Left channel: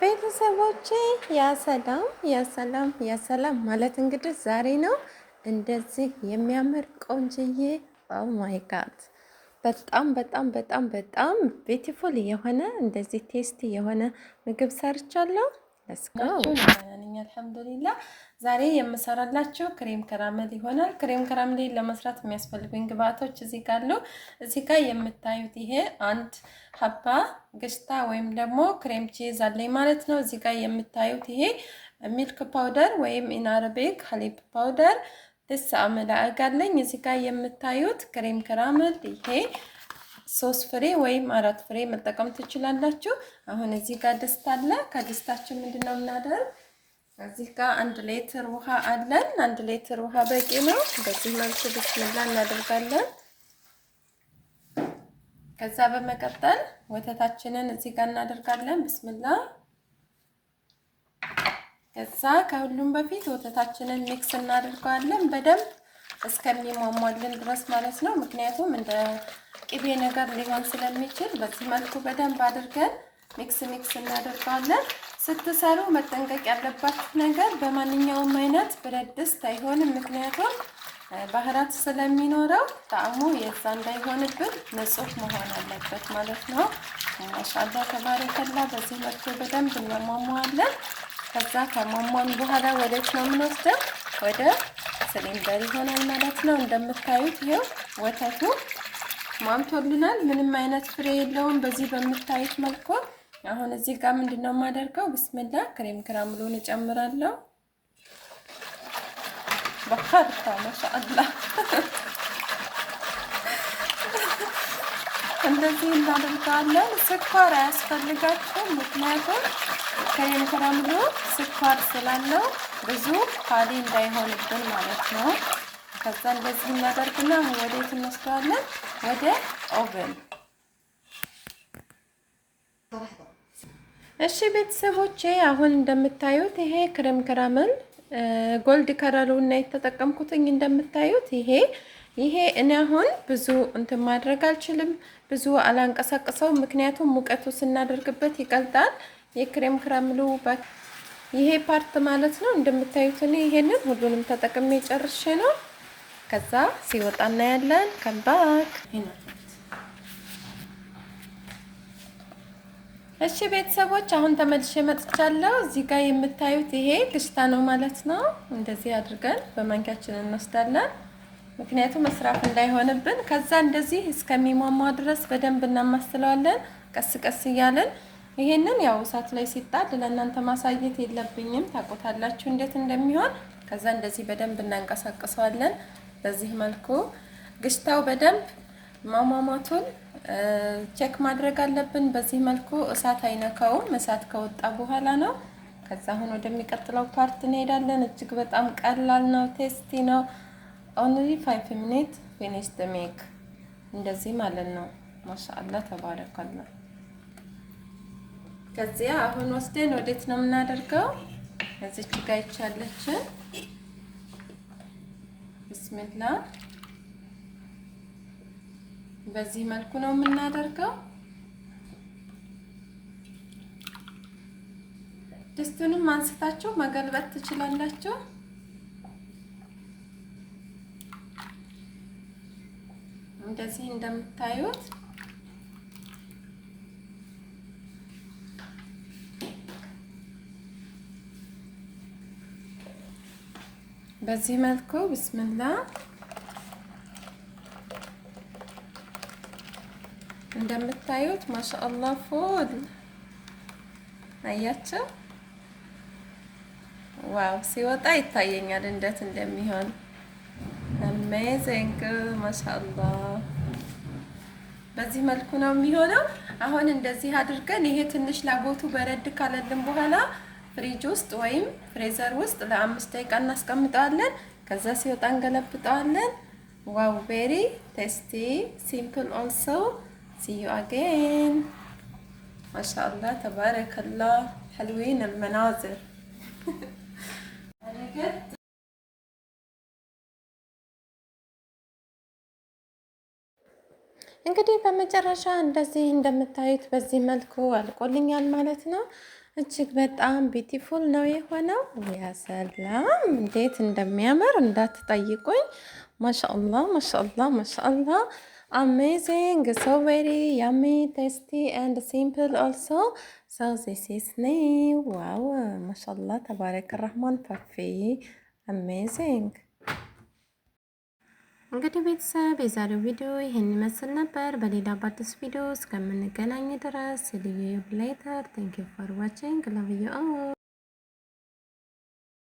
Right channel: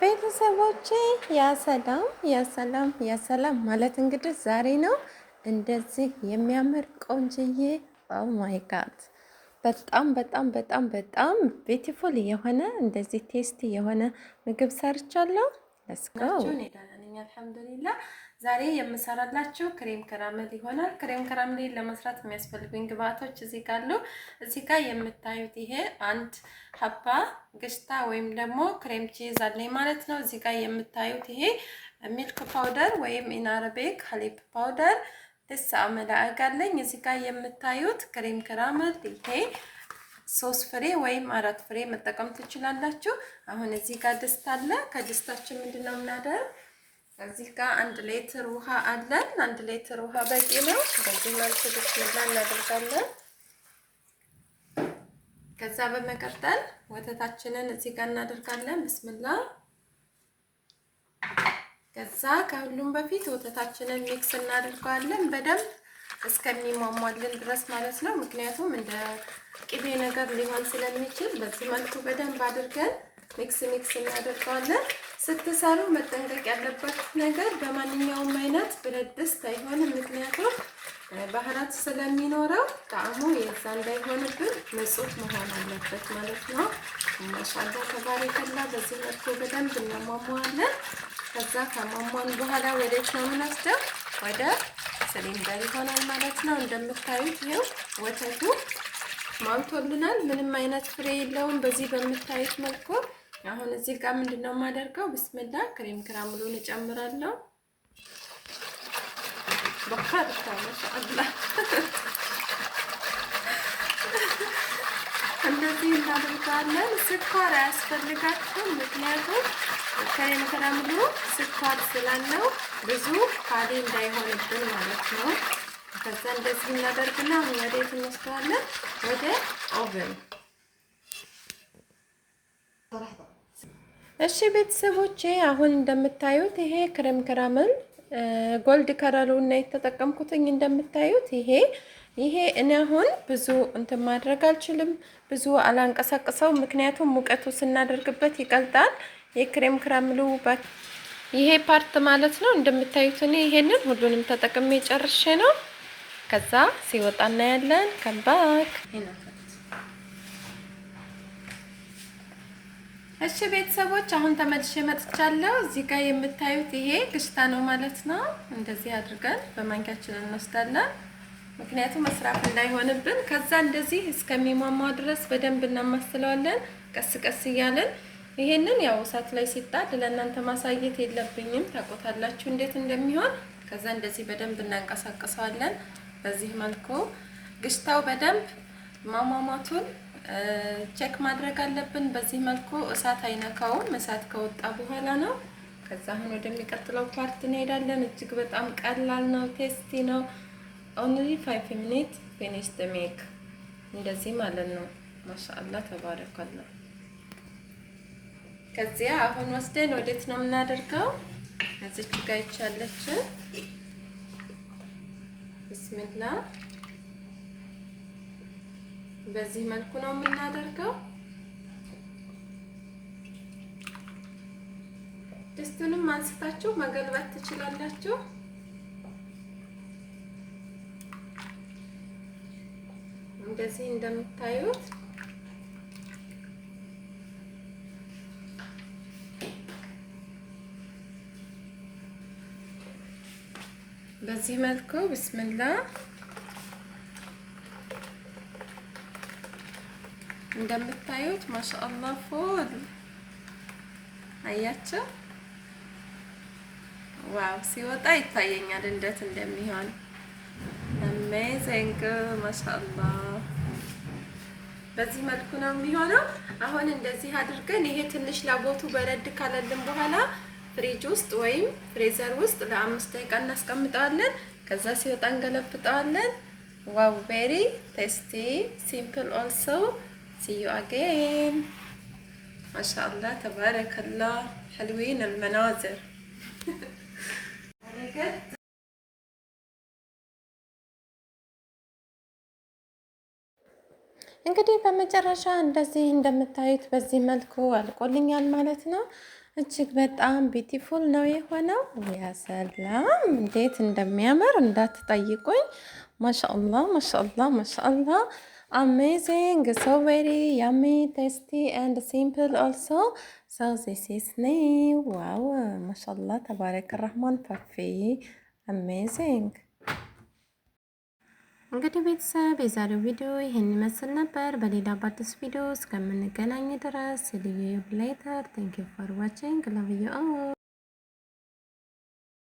ቤተሰቦቼ ያሰላም ያሰላም ያሰላም ማለት እንግዲህ ዛሬ ነው እንደዚህ የሚያምር ቆንጅዬ ኦ ማይ ጋድ በጣም በጣም በጣም በጣም ቢዩቲፉል የሆነ እንደዚህ ቴስቲ የሆነ ምግብ ሰርቻለሁ። ለስ ጎ አልሐምዱሊላህ። ዛሬ የምሰራላችሁ ክሬም ከራመል ይሆናል። ክሬም ከራመል ለመስራት የሚያስፈልጉኝ ግብአቶች እዚህ ጋር አሉ። እዚህ ጋር የምታዩት ይሄ አንድ ሀባ ገሽታ ወይም ደግሞ ክሬም ቺዝ አለኝ ማለት ነው። እዚህ ጋር የምታዩት ይሄ ሚልክ ፓውደር ወይም ኢናረቤክ ሀሊብ ፓውደር ደስ አመላ አጋለኝ። እዚህ ጋር የምታዩት ክሬም ከራመል ይሄ 3 ፍሬ ወይም 4 ፍሬ መጠቀም ትችላላችሁ። አሁን እዚህ ጋር ድስት አለ። ከድስታችን ምንድነው እናደርግ? እዚህ ጋር 1 ሊትር ውሃ አለን። 1 ሊትር ውሃ በቂ ነው። በዚህ መልኩ ብስሚላ እናደርጋለን። ከዛ በመቀጠል ወተታችንን እዚህ ጋር እናደርጋለን። ብስሚላ። ከዛ ከሁሉም በፊት ወተታችንን ሚክስ እናደርጋለን በደንብ እስከሚሟሟልን ድረስ ማለት ነው። ምክንያቱም እንደ ቅቤ ነገር ሊሆን ስለሚችል በዚህ መልኩ በደንብ አድርገን ሚክስ እናደርጋለን። ስትሰሩ መጠንቀቅ ያለባችሁ ነገር በማንኛውም አይነት ብረት ድስት አይሆንም። ምክንያቱም ባህራት ስለሚኖረው ጣዕሙ የዛ እንዳይሆንብን ንጹህ መሆን አለበት ማለት ነው። ማሻአላ ተባረከላ። በዚህ መልኩ በደንብ እናሟሟለን። ከዛ ከሟሟን በኋላ ወዴት ነው የምንወስደው? ወደ ሲሊንደር ይሆናል ማለት ነው። እንደምታዩት ይሄው ወተቱ ሟምቶልናል። ምንም አይነት ፍሬ የለውም። በዚህ በምታዩት መልኩ አሁን እዚህ ጋር ምንድነው የማደርገው? ብስሚላ ክሬም ከራምሉን እጨምራለሁ። በፈርታ ማሻአላ እንደዚህ እናደርጋለን። ስኳር አያስፈልጋችሁም። ምክንያቱም ክሬም ከራምሉ ስኳር ስላለው ብዙ ካሊ እንዳይሆንብን ማለት ነው። ከዛ እንደዚህ እናደርግና ወዴት እንወስደዋለን? ወደ ኦቨን። እሺ ቤተሰቦቼ አሁን እንደምታዩት ይሄ ክሬም ከራመል ጎልድ ከለሩ እና የተጠቀምኩትኝ እንደምታዩት ይሄ እኔ አሁን ብዙ እንትን ማድረግ አልችልም፣ ብዙ አላንቀሳቅሰው ምክንያቱም ሙቀቱ ስናደርግበት ይቀልጣል። የክሬም ከራመሉ ይሄ ፓርት ማለት ነው። እንደምታዩት እኔ ይሄንን ሁሉንም ተጠቅሜ ጨርሼ ነው። ከዛ ሲወጣ እናያለን። ከምባክ እሺ ቤተሰቦች አሁን ተመልሼ መጥቻለሁ። እዚህ ጋር የምታዩት ይሄ ግሽታ ነው ማለት ነው። እንደዚህ አድርገን በማንኪያችን እንወስዳለን፣ ምክንያቱም መስራት እንዳይሆንብን። ከዛ እንደዚህ እስከሚሟሟ ድረስ በደንብ እናማስለዋለን፣ ቀስ ቀስ እያለን። ይሄንን ያው እሳት ላይ ሲጣድ ለእናንተ ማሳየት የለብኝም፣ ታቆታላችሁ እንዴት እንደሚሆን። ከዛ እንደዚህ በደንብ እናንቀሳቅሰዋለን። በዚህ መልኩ ግሽታው በደንብ ማሟሟቱን ቼክ ማድረግ አለብን። በዚህ መልኩ እሳት አይነካውም። እሳት ከወጣ በኋላ ነው። ከዛ አሁን ወደሚቀጥለው ፓርት እንሄዳለን። እጅግ በጣም ቀላል ነው፣ ቴስቲ ነው። ኦንሊ 5 ሚኒት ፊኒሽ ዘ ሜክ እንደዚህ ማለት ነው። ማሻአላ ተባረካላ። ከዚያ አሁን ወስደን ወዴት ነው የምናደርገው? እዚች ጋር ይቻለች። ብስሚላ በዚህ መልኩ ነው የምናደርገው። ድስቱንም አንስታችሁ መገልበጥ ትችላላችሁ። እንደዚህ እንደምታዩት በዚህ መልኩ ብስሚላ እንደምታዩት ማሻአላ ፎል አያችሁ። ዋው ሲወጣ ይታየኛል እንዴት እንደሚሆን አሜዚንግ ማሻአላ። በዚህ መልኩ ነው የሚሆነው። አሁን እንደዚህ አድርገን ይሄ ትንሽ ላቦቱ በረድ ካለልን በኋላ ፍሪጅ ውስጥ ወይም ፍሬዘር ውስጥ ለ5 ደቂቃ እናስቀምጠዋለን። ከዛ ሲወጣ እንገለብጠዋለን። ዋው ቬሪ ቴስቲ ሲምፕል ኦልሶ see you again ما شاء الله تبارك الله حلوين المناظر እንግዲህ በመጨረሻ እንደዚህ እንደምታዩት በዚህ መልኩ አልቆልኛል ማለት ነው። እጅግ በጣም ቢዩቲፉል ነው የሆነው። ያ ሰላም እንዴት እንደሚያምር እንዳትጠይቁኝ። ማሻአላህ ማሻአላህ ማሻአላህ አሜዚንግ ሶ ቬሪ ያሚ ቴስቲ ኤንድ ሲምፕል ኦልሶ ሶ ዚስ ኢዝ ኒው ዋው ማሻአላህ ተባረከ ረህማን ፐርፌ አሜዚንግ። እንግዲህ ቤተሰብ የዛሬው ቪዲዮ ይህን ይመስል ነበር። በሌላ በአዲስ ቪዲዮ እስከምንገናኝ ድረስ ልዩ ሌተር ቴንክ ዩ ፎር ዋቺንግ ላቭ ዩ ኦል